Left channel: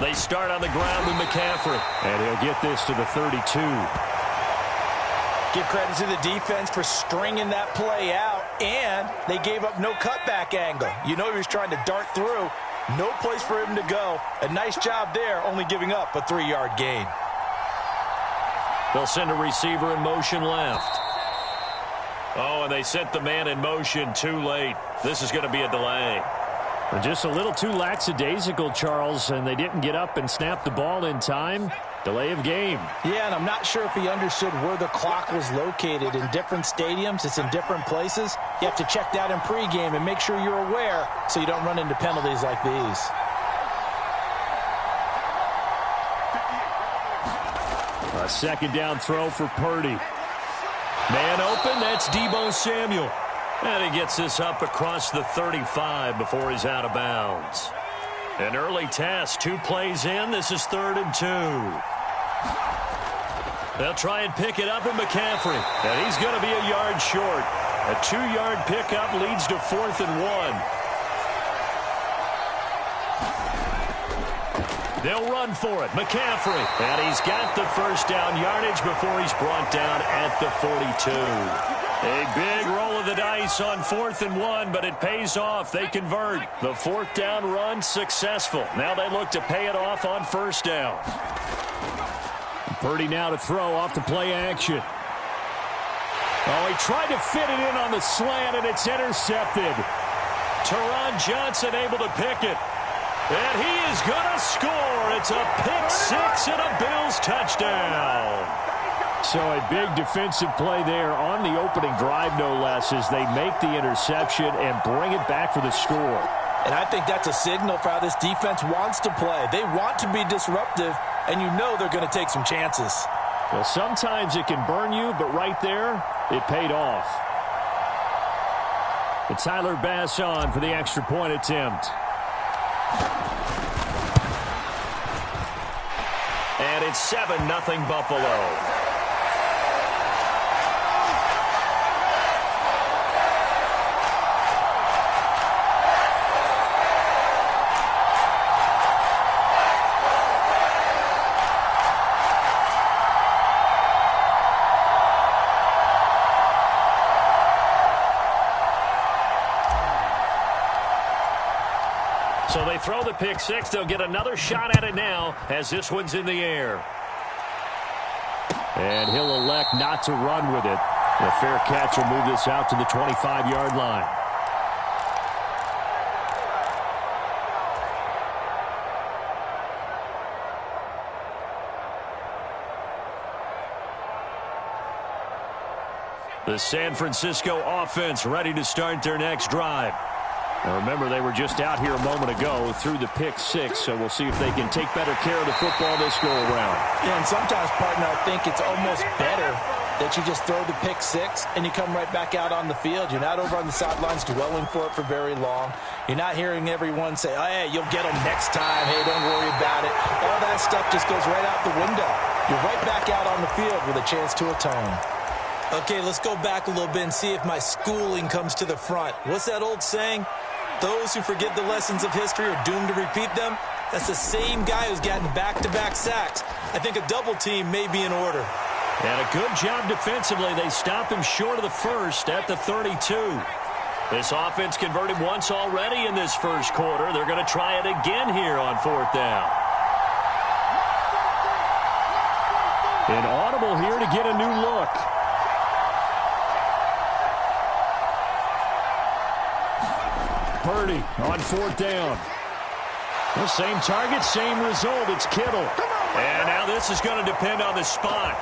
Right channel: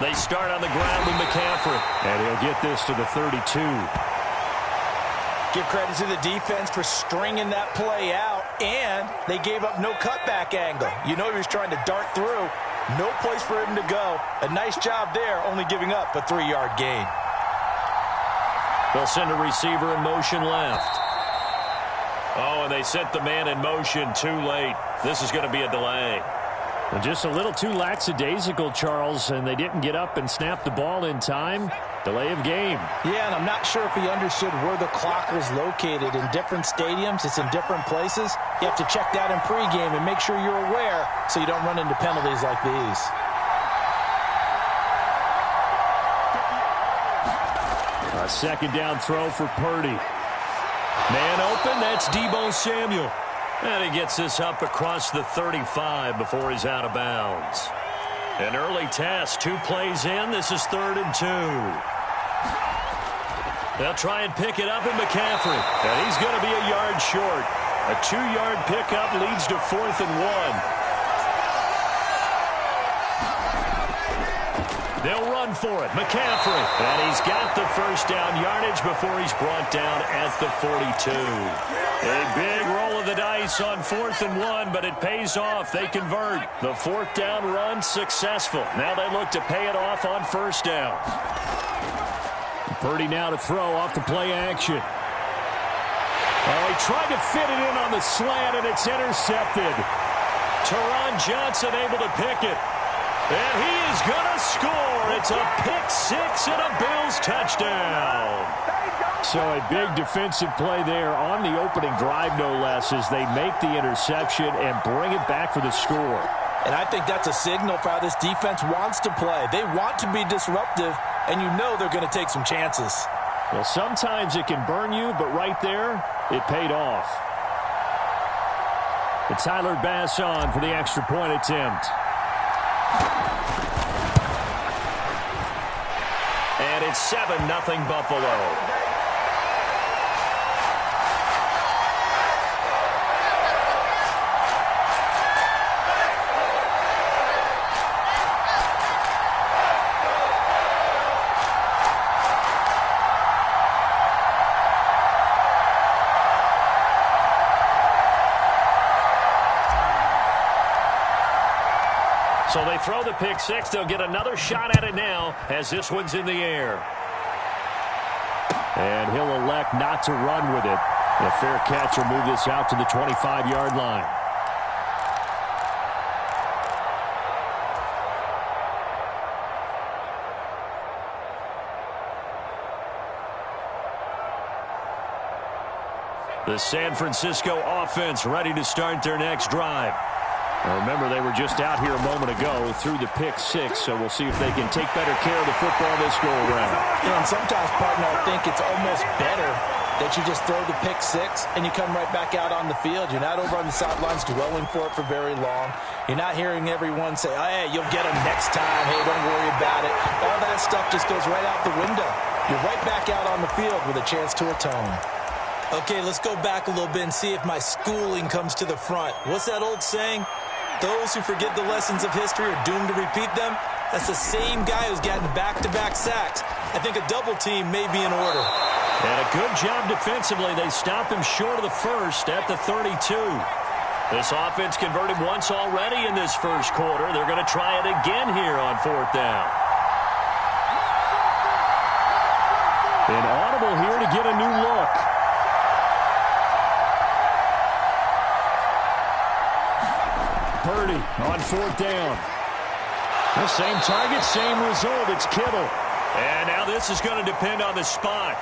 They start on the ground with McCaffrey. And he'll get this to the 32. Give credit to the defense for stringing that play out, and they gave up no cutback angle. You know he was trying to dart through. No place for him to go. A nice job there, only giving up a 3-yard gain. They'll send a receiver in motion left. Oh, and they sent the man in motion too late. This is going to be a delay. Well, just a little too lackadaisical, Charles, and they didn't get up and snap the ball in time. Delay of game. Yeah, and I'm not sure if he understood where the clock was located. In different stadiums, it's in different places. You have to check that in pregame and make sure you're aware so you don't run into penalties like these. A second down throw for Purdy. Man open, that's Deebo Samuel. And he gets this up across the 35 before he's out of bounds. An early test, 2 plays in. This is 3rd and 2. They'll try and pick it up in McCaffrey. And he's going to be a yard short. A 2-yard pickup leads to 4th and 1. They'll run for it. McCaffrey. And he's got the first down yardage before he's brought down at the 42. A big roll of the dice on 4th and 1, but it pays off. They convert. The 4th down run successful. Now they look to pay it off on 1st down. Purdy now to throw off the play action. Oh, he tried to fit it in on the slant, and it's intercepted. Teron Johnson able to pick it. And he is going to score. It's a pick 6 and a Bills touchdown. So a big defensive play there on the opening drive, no less, as they make the interception and bring it back for the score. And I think that's a signal for how this defense wants to play. They want to be disruptive, and you know they're going to take some chances. Well, sometimes it can burn you, but right there, it paid off. And Tyler Bass on for the extra point attempt. And it's 7-0 Buffalo. So they throw the pick 6. They'll get another shot at it now as this one's in the air. And he'll elect not to run with it. A fair catch will move this out to the 25-yard line. The San Francisco offense ready to start their next drive. Now remember, they were just out here a moment ago through the pick 6, so we'll see if they can take better care of the football this go-around. You know, and sometimes, partner, I think it's almost better that you just throw the pick 6 and you come right back out on the field. You're not over on the sidelines dwelling for it for very long. You're not hearing everyone say, oh, hey, you'll get them next time. Hey, don't worry about it. All that stuff just goes right out the window. You're right back out on the field with a chance to atone. Okay, let's go back a little bit and see if my schooling comes to the front. What's that old saying? Those who forget the lessons of history are doomed to repeat them. That's the same guy who's gotten back-to-back sacks. I think a double team may be in order. And a good job defensively. They stop him short of the first at the 32. This offense converted once already in this first quarter. They're going to try it again here on 4th down. An audible here to get a new look. Purdy on 4th down. The same target, same result. It's Kittle. And now this is going to depend on the spot.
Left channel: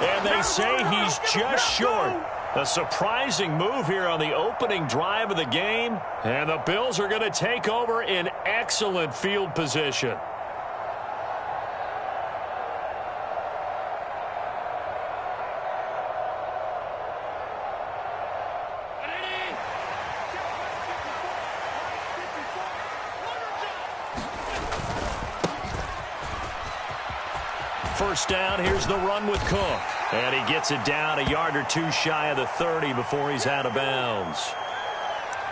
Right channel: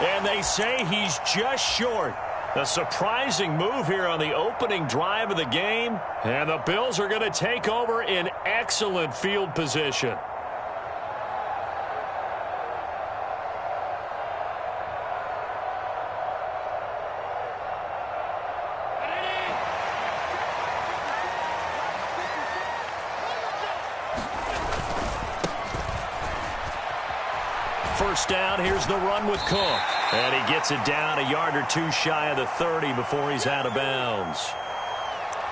And they say he's just short. A surprising move here on the opening drive of the game. And the Bills are going to take over in excellent field position. First down, here's the run with Cook. And he gets it down a yard or 2 shy of the 30 before he's out of bounds.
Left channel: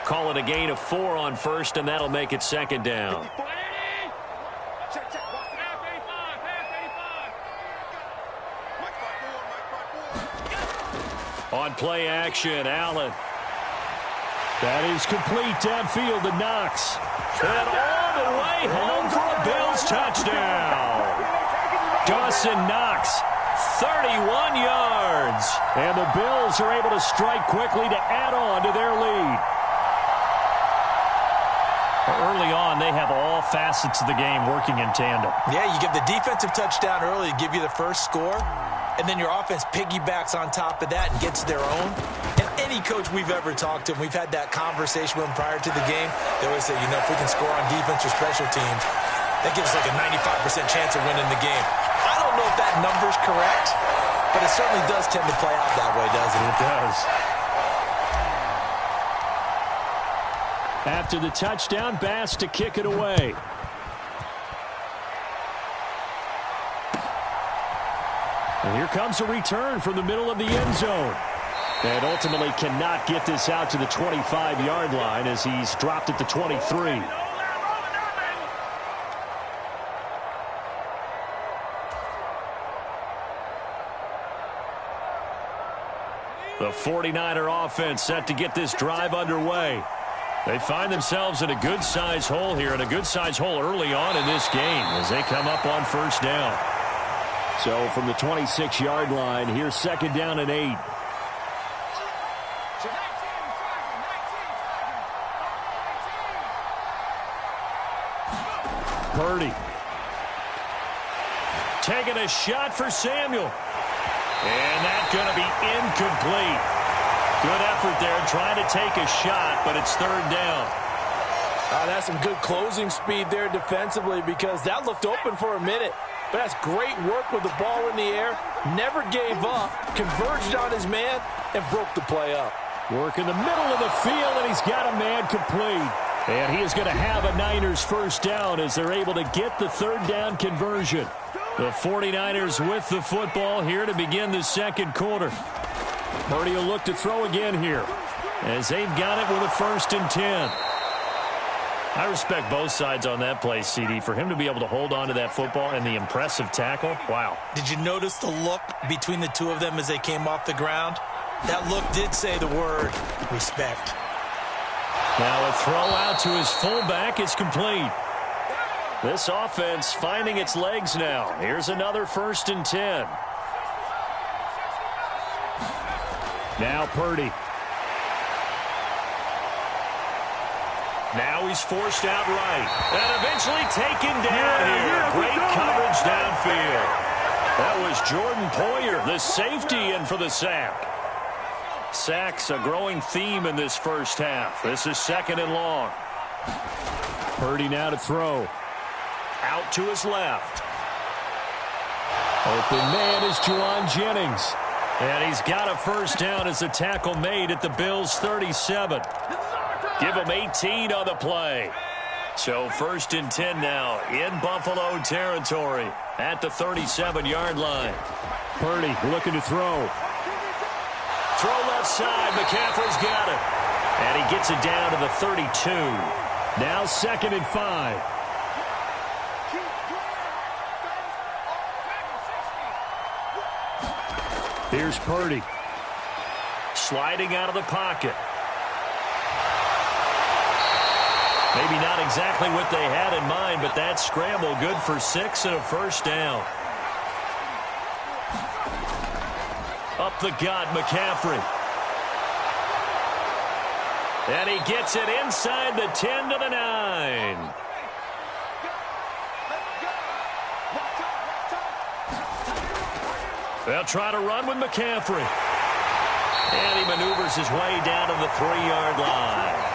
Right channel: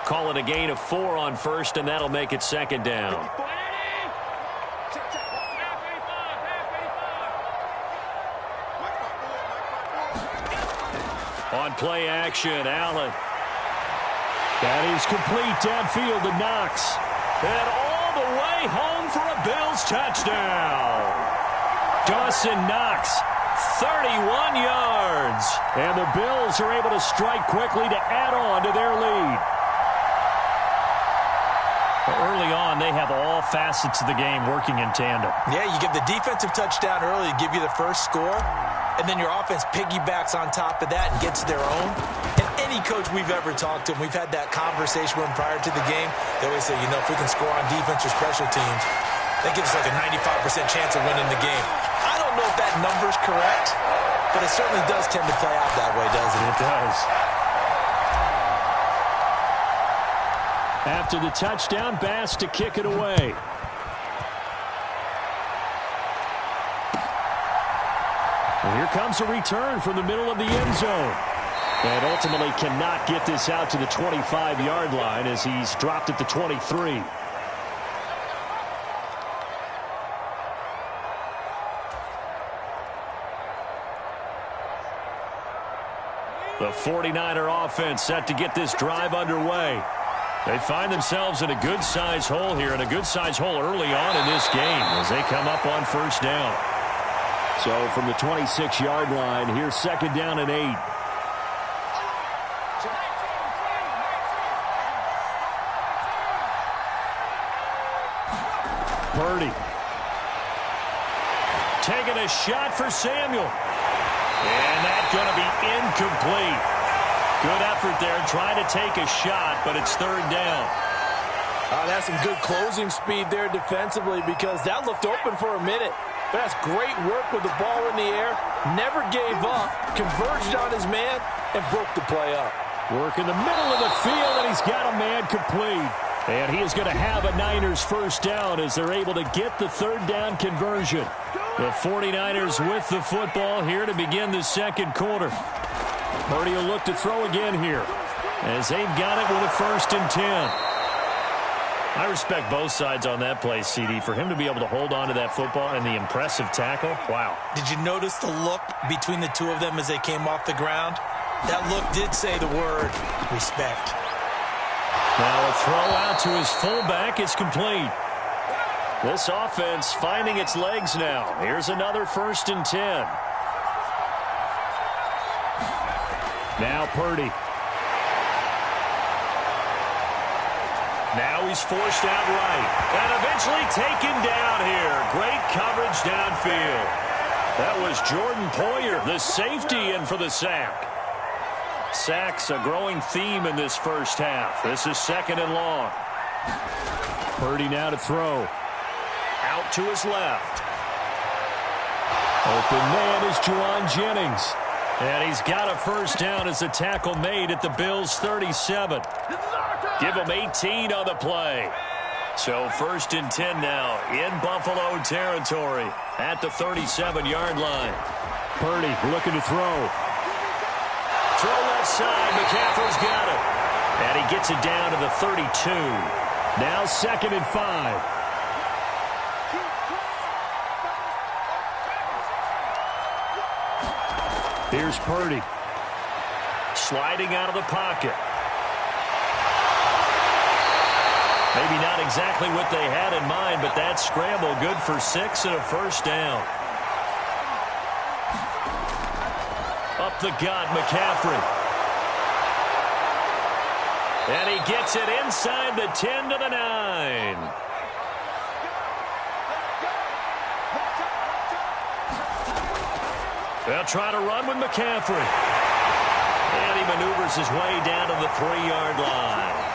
Call it a gain of 4 on first, and that'll make it 2nd down. On play action, Allen. That is complete downfield to Knox. And all the way home for a Bills touchdown. Dawson Knox, 31 yards. And the Bills are able to strike quickly to add on to their lead. Early on, they have all facets of the game working in tandem. Yeah, you give the defensive touchdown early to give you the first score, and then your offense piggybacks on top of that and gets their own. And any coach we've ever talked to, and we've had that conversation with them prior to the game, they always say, if we can score on defense or special teams, that gives us like a 95% chance of winning the game. I don't know if that number's correct, but it certainly does tend to play out that way, doesn't it? It does. After the touchdown, Bass to kick it away. And here comes a return from the middle of the end zone. And ultimately cannot get this out to the 25-yard line as he's dropped at the 23. The 49er offense set to get this drive underway. They find themselves in a good-sized hole here, and a good-sized hole early on in this game as they come up on first down. So from the 26-yard line, here's second down and 8. Purdy. Taking a shot for Samuel. And that's going to be incomplete. Good effort there trying to take a shot, but it's third down. That's some good closing speed there defensively because that looked open for a minute. But that's great work with the ball in the air. Never gave up, converged on his man, and broke the play up. Work in the middle of the field, and he's got a man complete. And he is going to have a Niners first down as they're able to get the third down conversion. The 49ers with the football here to begin the second quarter. Purdy will look to throw again here as they've got it with a 1st and 10. I respect both sides on that play, CD. For him to be able to hold on to that football and the impressive tackle, wow. Did you notice the look between the two of them as they came off the ground? That look did say the word respect. Now a throw out to his fullback is complete. This offense finding its legs now. Here's another 1st and 10. Now Purdy. Now he's forced out right. And eventually taken down here. Great coverage downfield. That was Jordan Poyer, the safety, in for the sack. Sacks a growing theme in this first half. This is 2nd and long. Purdy now to throw. Out to his left. Open man is Juwan Jennings. And he's got a first down as the tackle made at the Bills' 37. Give him 18 on the play. So 1st and 10 now in Buffalo territory at the 37-yard line. Purdy looking to throw. Throw left side. McCaffrey's got it. And he gets it down to the 32. Now 2nd and 5. Here's Purdy. Sliding out of the pocket. Maybe not exactly what they had in mind, but that scramble good for 6 and a first down. Up the gut, McCaffrey. And he gets it inside the 10 to the 9. They'll try to run with McCaffrey. And he maneuvers his way down to the 3-yard line.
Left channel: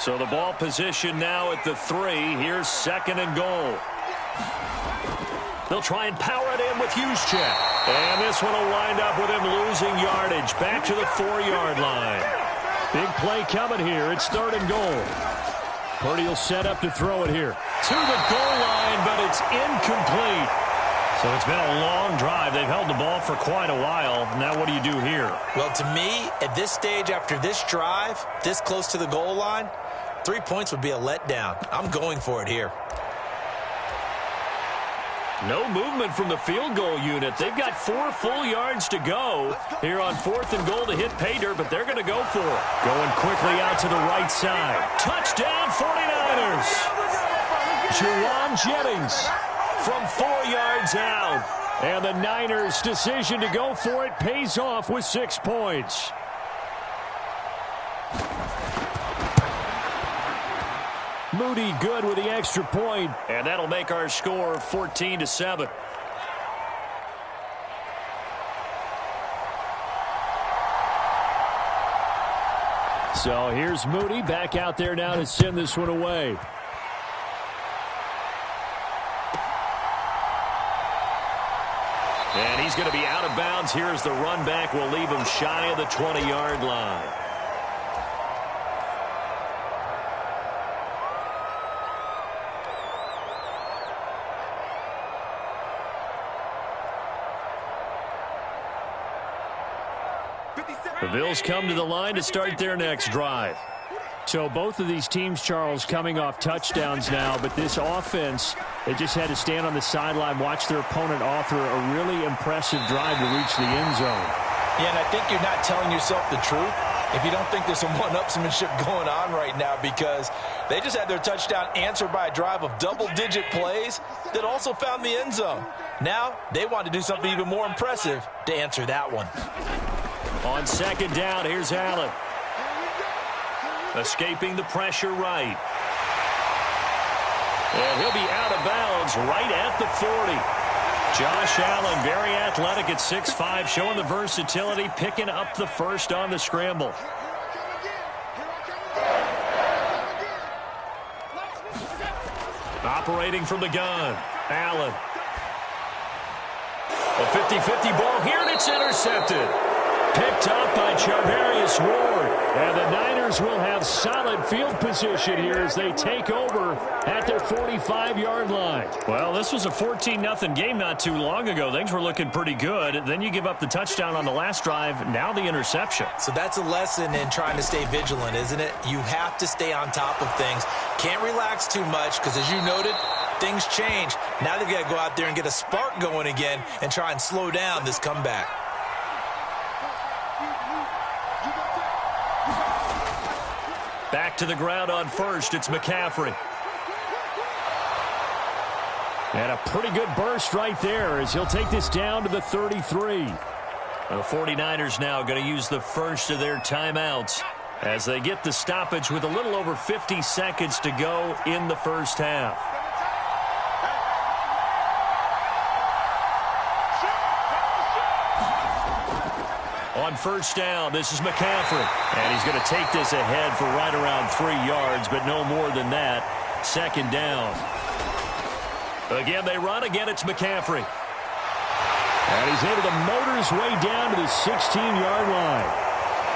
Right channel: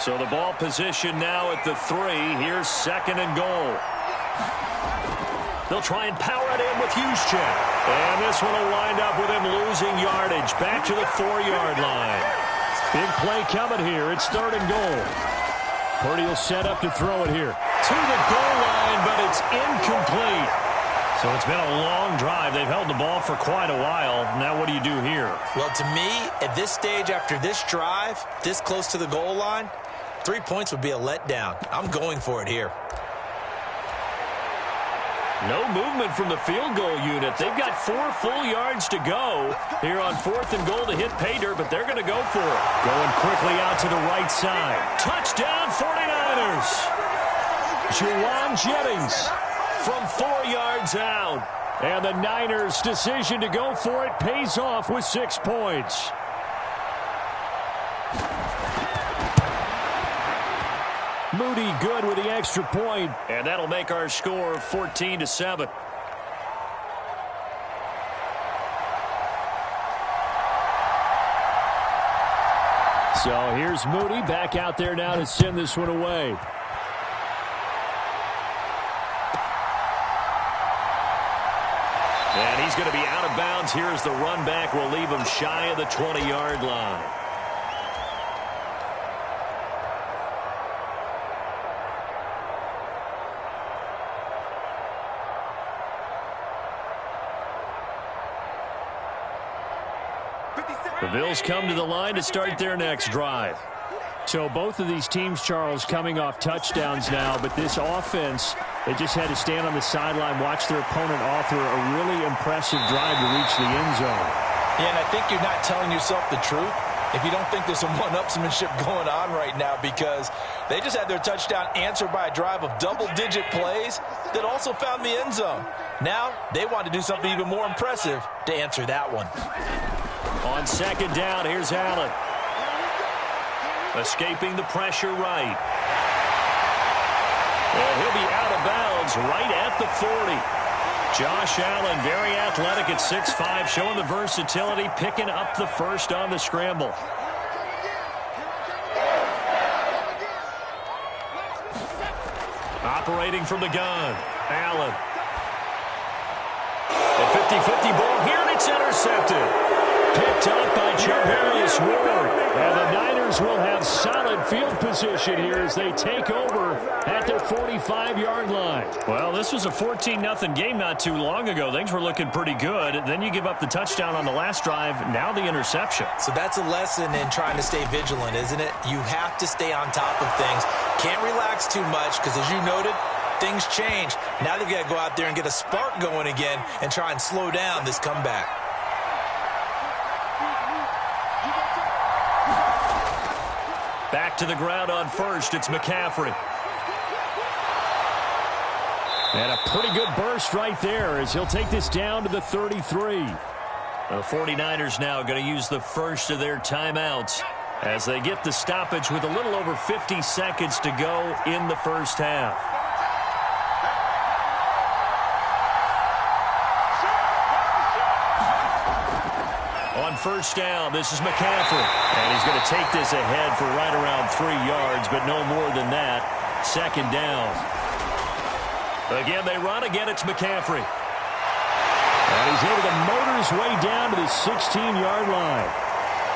So the ball position now at the 3. Here's 2nd and goal. They'll try and power it in with Juszczyk. And this one will wind up with him losing yardage back to the 4-yard line. Big play coming here. It's 3rd and goal. Purdy will set up to throw it here. To the goal line, but it's incomplete. So it's been a long drive. They've held the ball for quite a while. Now what do you do here? Well, to me, at this stage, after this drive, this close to the goal line, 3 points would be a letdown. I'm going for it here. No movement from the field goal unit. They've got 4 full yards to go here on 4th and goal to hit pay dirt, but they're going to go for it. Going quickly out to the right side. Touchdown 49ers. Juwan Jennings from 4 yards out. And the Niners' decision to go for it pays off with 6 points. Moody good with the extra point, and that'll make our score 14-7. So here's Moody back out there now to send this one away. And he's going to be out of bounds. Here's the run back. We'll leave him shy of the 20-yard line. The Bills come to the line to start their next drive. So both of these teams, Charles, coming off touchdowns now, but this offense, they just had to stand on the sideline, watch their opponent author a really impressive drive to reach the end zone. Yeah, and I think you're not telling yourself the truth if you don't think there's some one-upsmanship going on right now, because they just had their touchdown answered by a drive of double-digit plays that also found the end zone. Now they want to do something even more impressive to answer that one. On second down, here's Allen. Escaping the pressure right. And he'll be out of bounds right at the 40. Josh Allen, very athletic at 6'5", showing the versatility, picking up the first on the scramble. Operating from the gun, Allen. A 50-50 ball here, and it's intercepted. Picked up by Charvarius Ward. And the Niners will have solid field position here as they take over at their 45-yard line. Well, this was a 14-0 game not too long ago. Things were looking pretty good. Then you give up the touchdown on the last drive. Now the interception. So that's a lesson in trying to stay vigilant, isn't it? You have to stay on top of things. Can't relax too much because, as you noted, things change. Now they've got to go out there and get a spark going again and try and slow down this comeback. Back to the ground on first. It's McCaffrey. And a pretty good burst right there as he'll take this down to the 33. The 49ers now going to use the first of their timeouts as they get the stoppage with a little over 50 seconds to go in the first half. On first down, this is McCaffrey. And he's going to take this ahead for right around 3 yards, but no more than that. Second down. Again, they run. Again, it's McCaffrey. And he's able to motor his way down to the 16-yard line.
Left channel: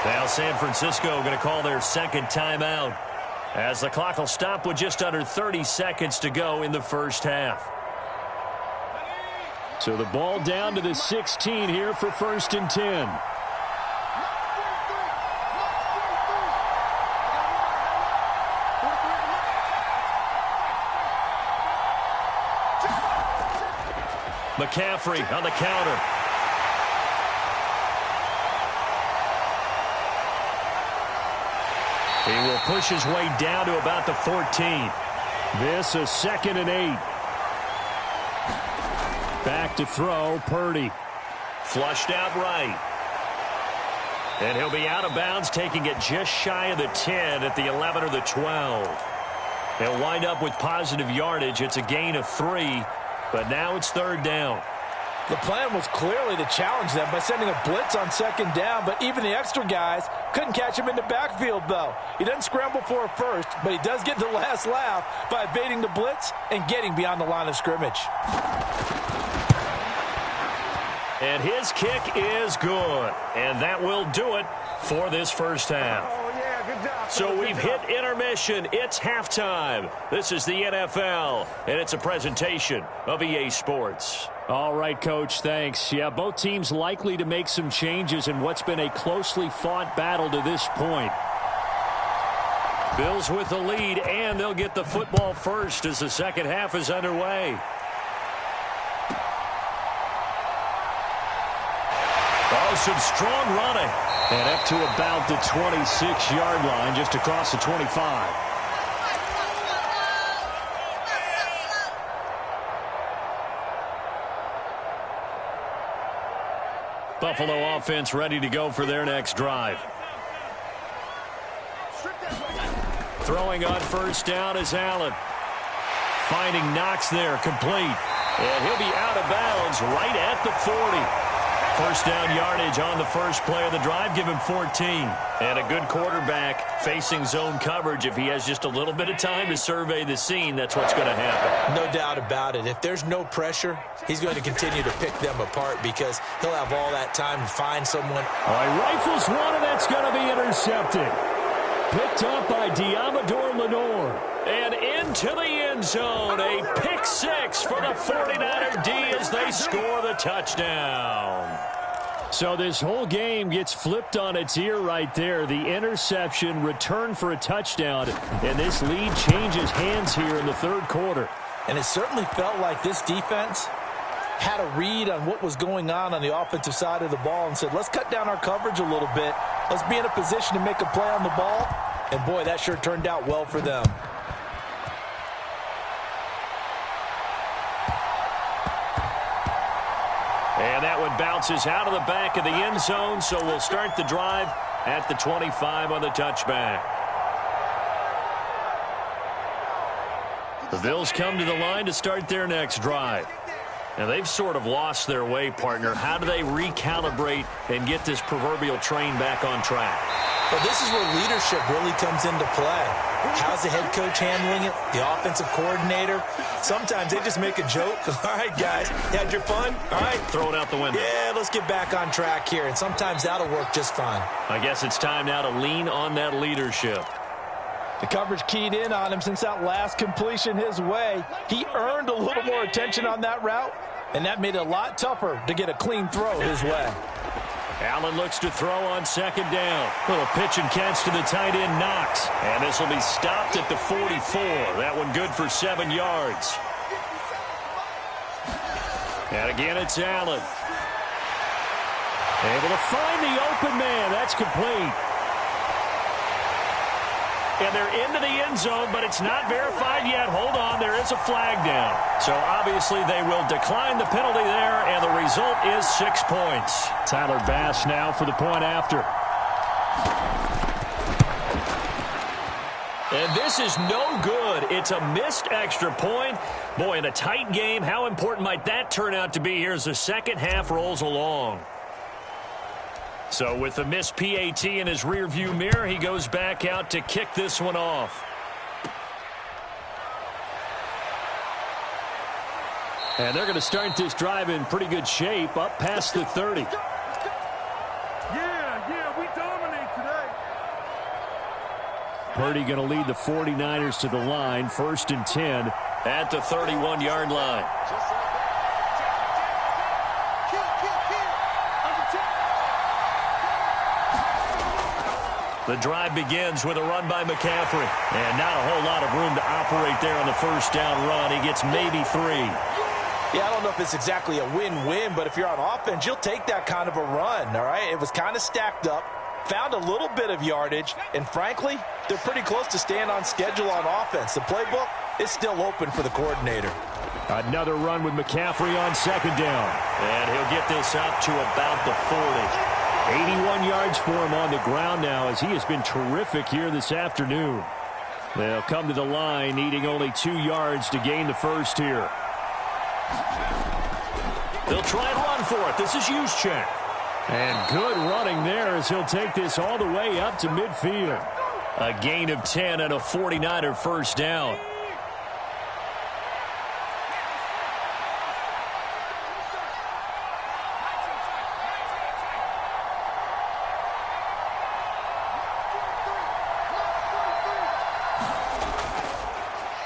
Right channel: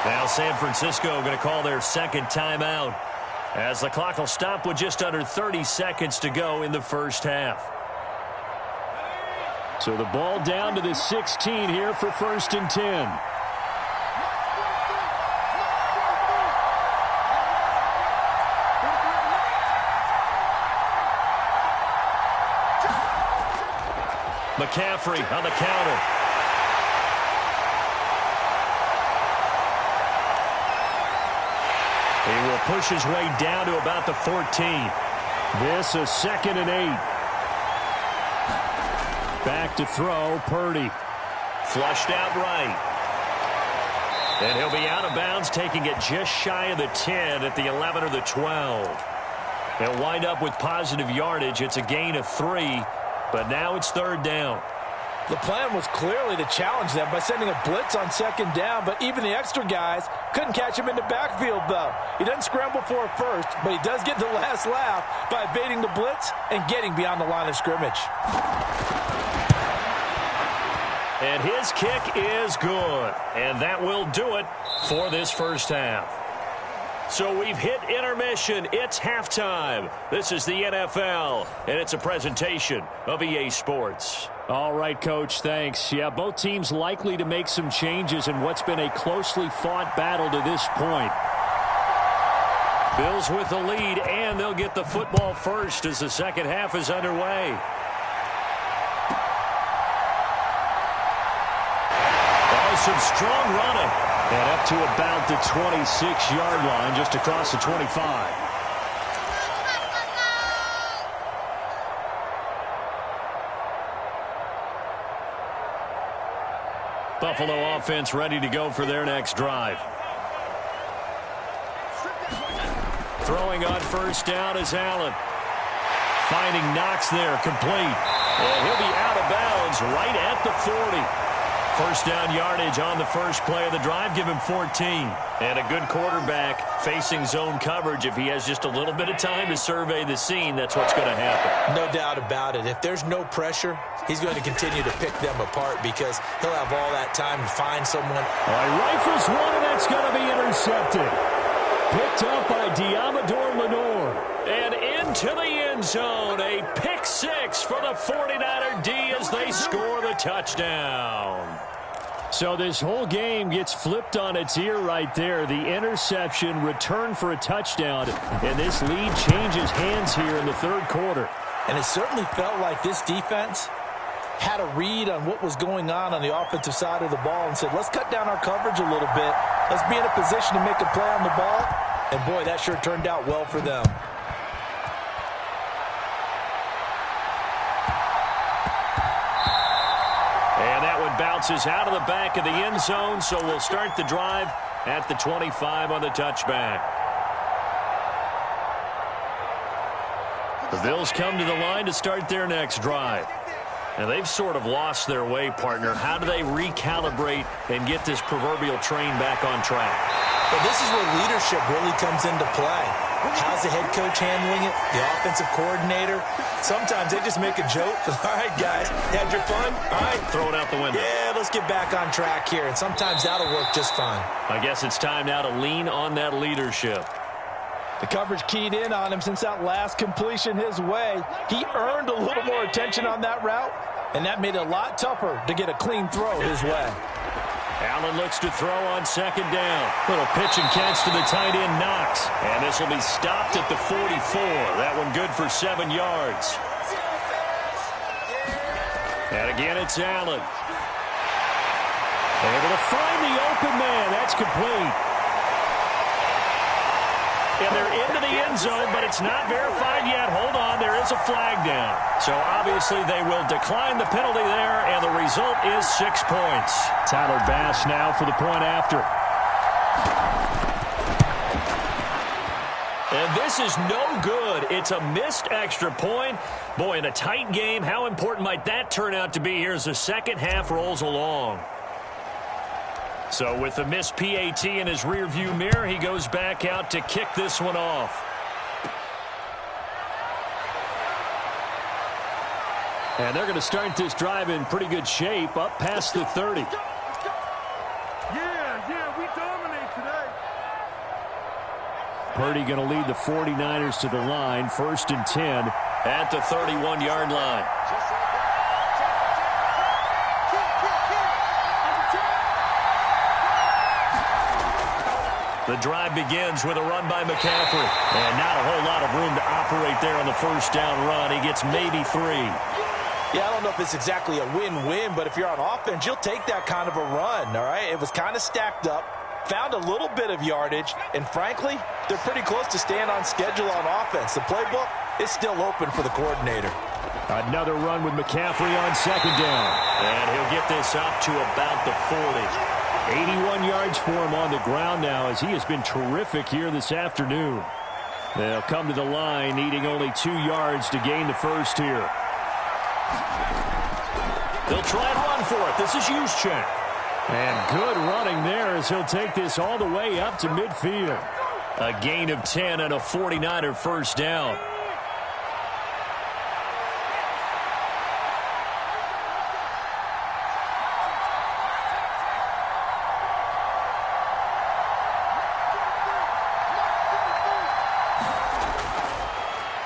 Now San Francisco going to call their second timeout as the clock will stop with just under 30 seconds to go in the first half. So the ball down to the 16 here for 1st and 10. McCaffrey on the counter. He will push his way down to about the 14. This a 2nd and 8. Back to throw, Purdy. Flushed out right. And he'll be out of bounds, taking it just shy of the 10 at the 11 or the 12. He'll wind up with positive yardage. It's a gain of 3. But now it's 3rd down. The plan was clearly to challenge them by sending a blitz on 2nd down, but even the extra guys couldn't catch him in the backfield, though. He doesn't scramble for a first, but he does get the last laugh by evading the blitz and getting beyond the line of scrimmage. And his kick is good. And that will do it for this first half. So we've hit intermission. It's halftime. This is the NFL, and it's a presentation of EA Sports. All right, Coach, thanks. Yeah, both teams likely to make some changes in what's been a closely fought battle to this point. Bills with the lead, and they'll get the football first as the second half is underway. some strong running. And up to about the 26-yard line, just across the 25. Buffalo offense ready to go for their next drive. Throwing on first down is Allen. Finding Knox there, complete. And he'll be out of bounds right at the 40. First down yardage on the first play of the drive. Give him 14. And a good quarterback facing zone coverage. If he has just a little bit of time to survey the scene, that's what's going to happen. No doubt about it. If there's no pressure, he's going to continue to pick them apart because he'll have all that time to find someone. All right, rifles one, and that's going to be intercepted. Picked up by Diamador Lenore. And into the end zone. A pick six for the 49er D as they score the touchdown. So this whole game gets flipped on its ear right there. The interception, return for a touchdown. And this lead changes hands here in the third quarter. And it certainly felt like this defense had a read on what was going on the offensive side of the ball and said, let's cut down our coverage a little bit. Let's be in a position to make a play on the ball. And, boy, that sure turned out well for them. And that one bounces out of the back of the end zone, so we'll start the drive at the 25 on the touchback. The Bills come to the line to start their next drive. Now, they've sort of lost their way, partner. How do they recalibrate and get this proverbial train back on track? Well, this is where leadership really comes into play. How's the head coach handling it? The offensive coordinator? Sometimes they just make a joke. All right, guys, had your fun? All right. Throw it out the window. Yeah, let's get back on track here. And sometimes that'll work just fine. I guess it's time now to lean on that leadership. The coverage keyed in on him since that last completion his way. He earned a little more attention on that route, and that made it a lot tougher to get a clean throw his way. Allen looks to throw on second down. Little pitch and catch to the tight end, Knox. And this will be stopped at the 44. That one good for 7 yards. And again, it's Allen. Able to find the open man. That's complete. And they're into the end zone, but it's not verified yet. Hold on, there is a flag down. So obviously they will decline the penalty there, and the result is 6 points. Tyler Bass now for the point after. And this is no good. It's a missed extra point. Boy, in a tight game, how important might that turn out to be here as the second half rolls along? So with the missed PAT in his rearview mirror, he goes back out to kick this one off. And they're going to start this drive in pretty good shape, up past the 30. Yeah, we dominate today. Purdy going to lead the 49ers to the line, 1st and 10 at the 31-yard line. The drive begins with a run by McCaffrey. And not a whole lot of room to operate there on the first down run. He gets maybe 3. Yeah, I don't know if it's exactly a win-win, but if you're on offense, you'll take that kind of a run, all right? It was kind of stacked up, found a little bit of yardage, and frankly, they're pretty close to staying on schedule on offense. The playbook is still open for the coordinator. Another run with McCaffrey on second down. And he'll get this up to about the 40. 81 yards for him on the ground now as he has been terrific here this afternoon. They'll come to the line needing only 2 yards to gain the first here. They'll try and run for it. This is Juszczyk. And good running there as he'll take this all the way up to midfield. A gain of 10 and a 49er first down.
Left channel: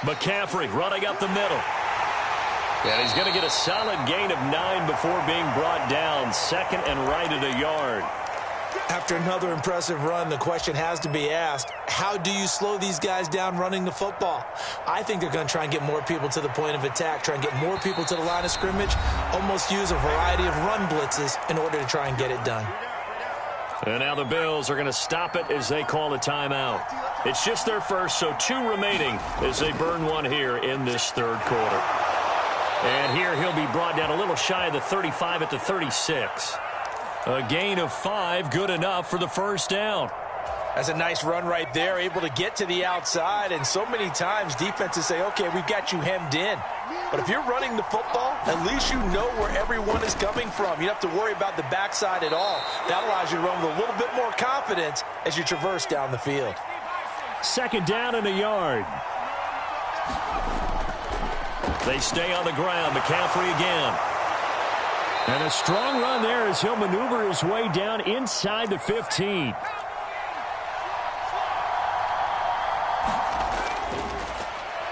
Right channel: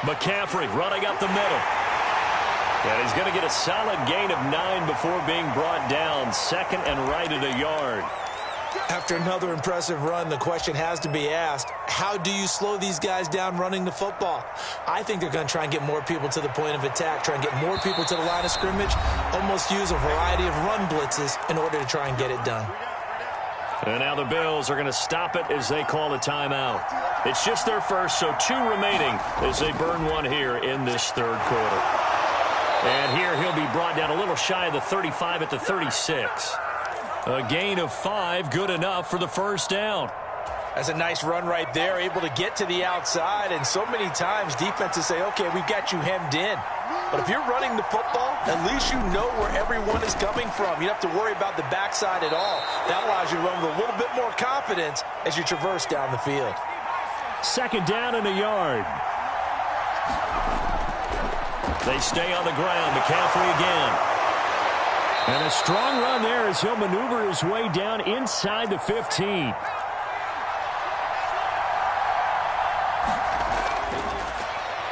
McCaffrey running up the middle. And he's going to get a solid gain of 9 before being brought down. 2nd and right at a yard. After another impressive run, the question has to be asked, how do you slow these guys down running the football? I think they're going to try and get more people to the point of attack, try and get more people to the line of scrimmage, almost use a variety of run blitzes in order to try and get it done. And now the Bills are going to stop it as they call a timeout. It's just their first, so 2 remaining as they burn one here in this third quarter. And here he'll be brought down a little shy of the 35 at the 36. A gain of 5, good enough for the first down. That's a nice run right there, able to get to the outside. And so many times defenses say, okay, we've got you hemmed in. But if you're running the football, at least you know where everyone is coming from. You don't have to worry about the backside at all. That allows you to run with a little bit more confidence as you traverse down the field. Second down and a yard. They stay on the ground. McCaffrey again. And a strong run there as he'll maneuver his way down inside the 15.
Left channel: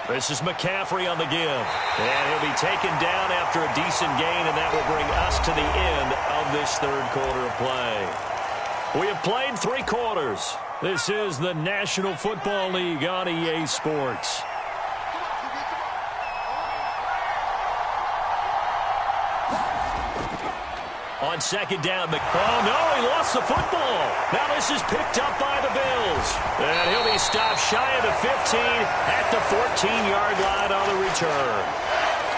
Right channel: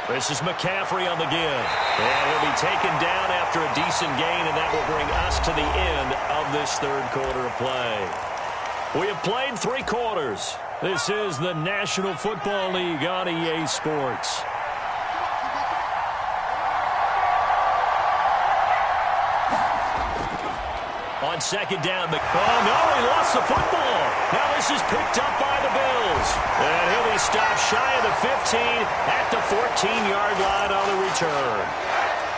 This is McCaffrey on the give. And he'll be taken down after a decent gain, and that will bring us to the end of this third quarter of play. We have played 3 quarters. This is the National Football League on EA Sports. On second down, oh no, he lost the football. Now this is picked up by the Bills. And he'll be stopped shy of the 15 at the 14-yard line on the return.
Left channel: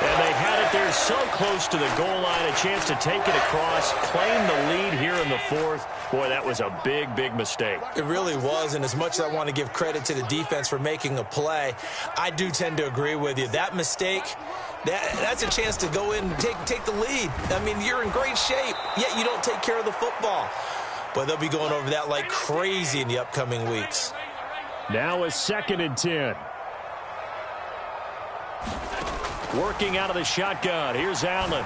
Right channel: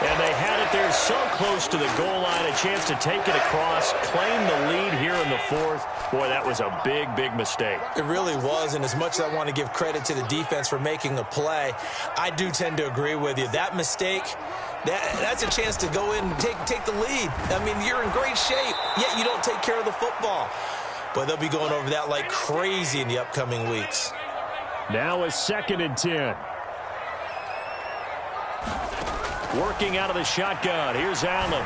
And they had it there so close to the goal line, a chance to take it across, claim the lead here in the fourth. Boy, that was a big, big mistake. It really was, and as much as I want to give credit to the defense for making a play, I do tend to agree with you. That mistake, that's a chance to go in and take the lead. I mean, you're in great shape, yet you don't take care of the football. But they'll be going over that like crazy in the upcoming weeks. Now a 2nd and 10. Working out of the shotgun. Here's Allen.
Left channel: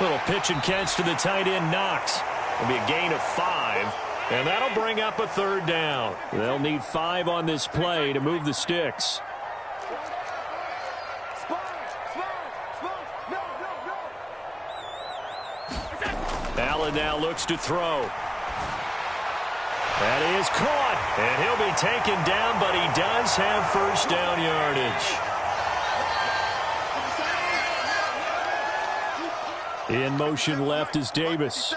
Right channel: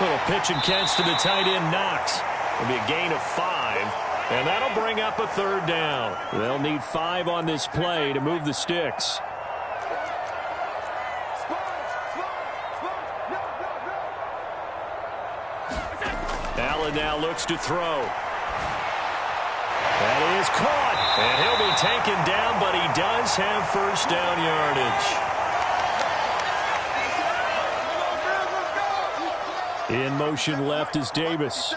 Little pitch and catch to the tight end, Knox. It'll be a gain of 5, and that'll bring up a third down. They'll need 5 on this play to move the sticks. Allen now looks to throw. That is caught, and he'll be taken down, but he does have first down yardage. In motion left is Davis.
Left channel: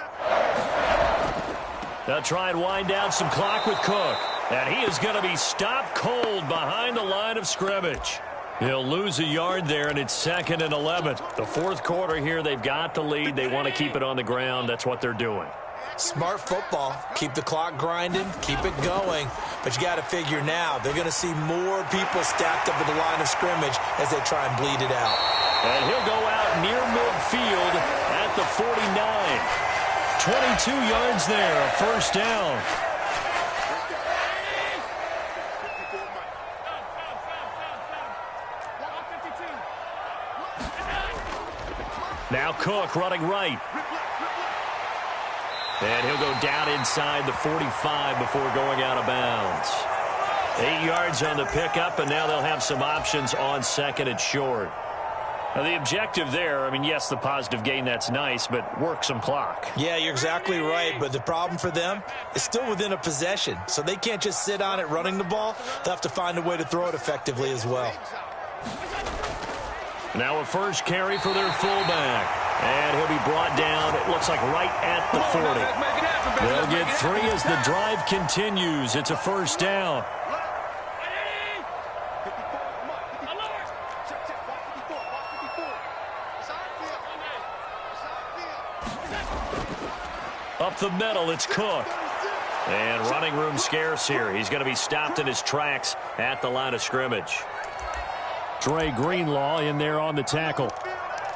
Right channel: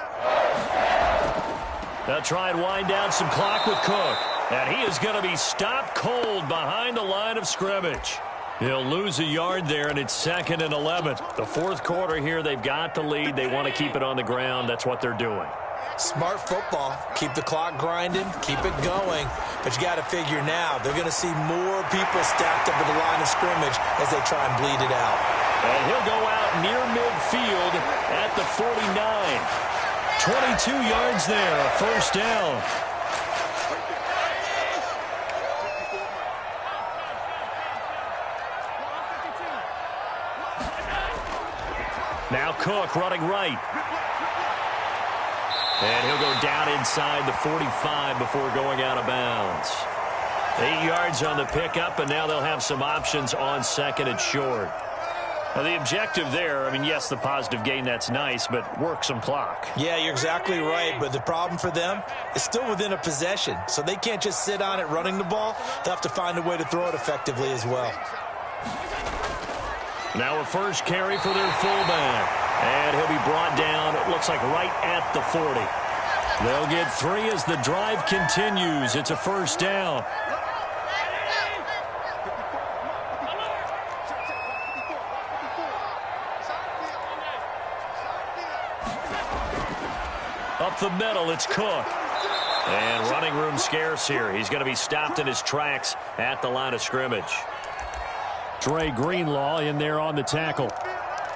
They'll try and wind down some clock with Cook. And he is going to be stopped cold behind the line of scrimmage. He'll lose a yard there, and it's 2nd and 11. The fourth quarter here, they've got the lead. They want to keep it on the ground. That's what they're doing. Smart football. Keep the clock grinding. Keep it going. But you got to figure now, they're going to see more people stacked up at the line of scrimmage as they try and bleed it out. And he'll go out near midfield at the 49. 22 yards there, a first down. Now Cook running right. And he'll go down inside the 45 before going out of bounds. 8 yards on the pickup, and now they'll have some options on 2nd and short. Now, the objective there, I mean, yes, the positive gain, that's nice, but work some clock. Yeah, you're exactly right, but the problem for them is still within a possession, so they can't just sit on it running the ball. They'll have to find a way to throw it effectively as well. Now a first carry for their fullback, and he'll be brought down, it looks like right at the 40. They'll get 3 as the drive continues. It's a first down. Up the middle, it's Cook. And running room scarce here. He's going to be stopped in his tracks at the line of scrimmage. Dre Greenlaw in there on the tackle.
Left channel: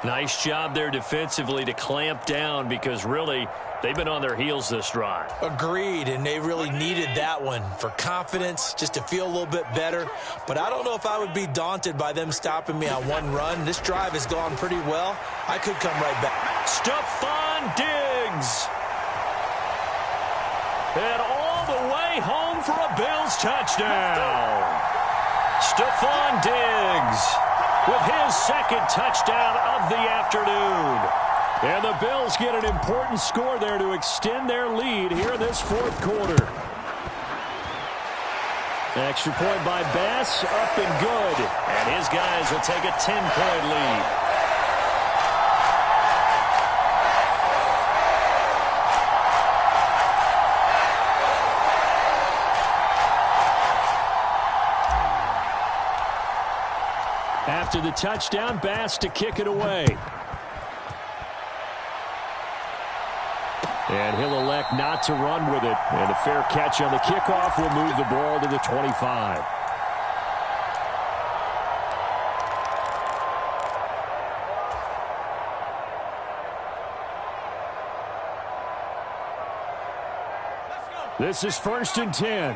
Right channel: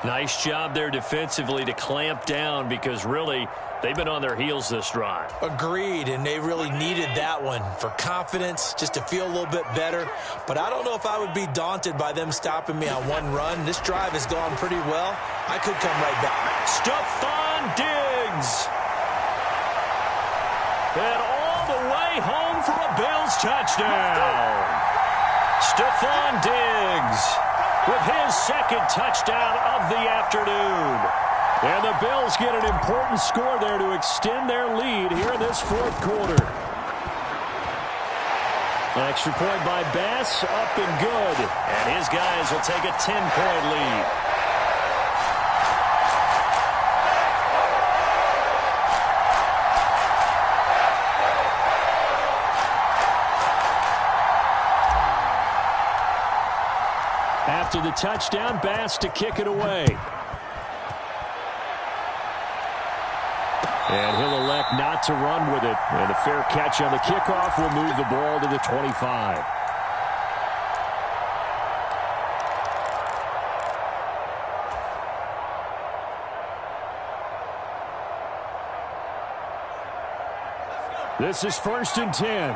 Nice job there defensively to clamp down because really they've been on their heels this drive. Agreed, and they really needed that one for confidence, just to feel a little bit better. But I don't know if I would be daunted by them stopping me on one run. This drive has gone pretty well. I could come right back. Stephon Diggs. And all the way home for a Bills touchdown. Stephon Diggs with his 2nd touchdown of the afternoon. And the Bills get an important score there to extend their lead here in this fourth quarter. Extra point by Bass, up and good. And his guys will take a 10-point lead. After the touchdown, Bass to kick it away. And he'll elect not to run with it. And a fair catch on the kickoff will move the ball to the 25. This is 1st and 10.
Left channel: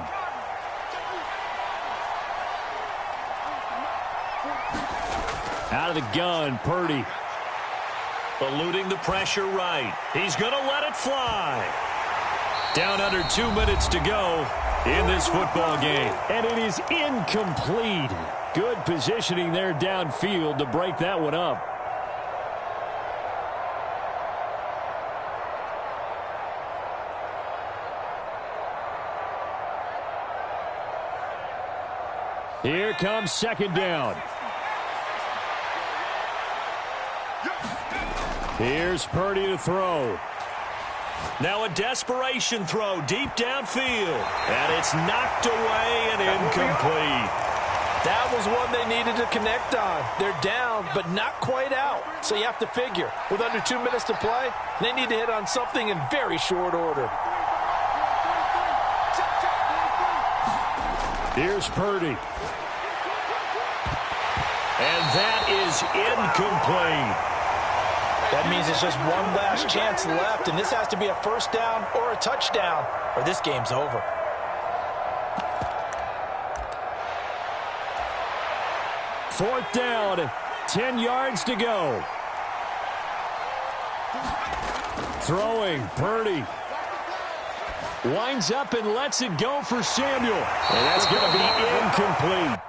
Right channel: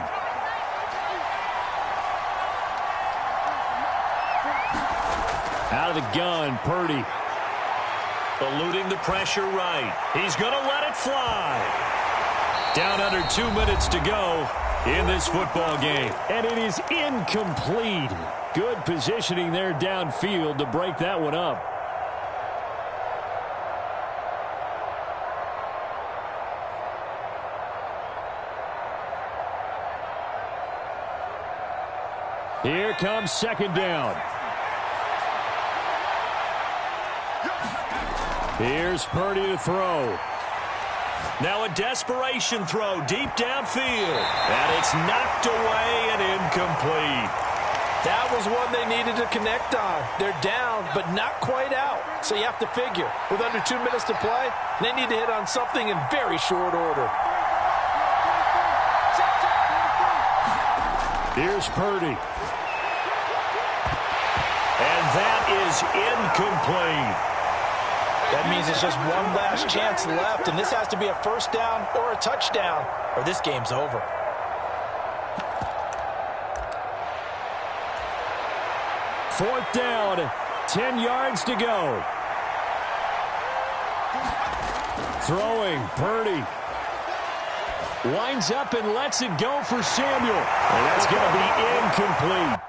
Out of the gun, Purdy. Eluding the pressure right. He's going to let it fly. Down under 2 minutes to go in this football game. And it is incomplete. Good positioning there downfield to break that one up. Here comes 2nd down. Here's Purdy to throw. Now a desperation throw deep downfield. And it's knocked away and incomplete. That was one they needed to connect on. They're down, but not quite out. So you have to figure, with under 2 minutes to play, they need to hit on something in very short order. Here's Purdy. And that is incomplete. That means it's just one last chance left, and this has to be a 1st down or a touchdown, or this game's over. Fourth down, 10 yards to go. Throwing, Purdy. Winds up and lets it go for Samuel. And that's going to be incomplete.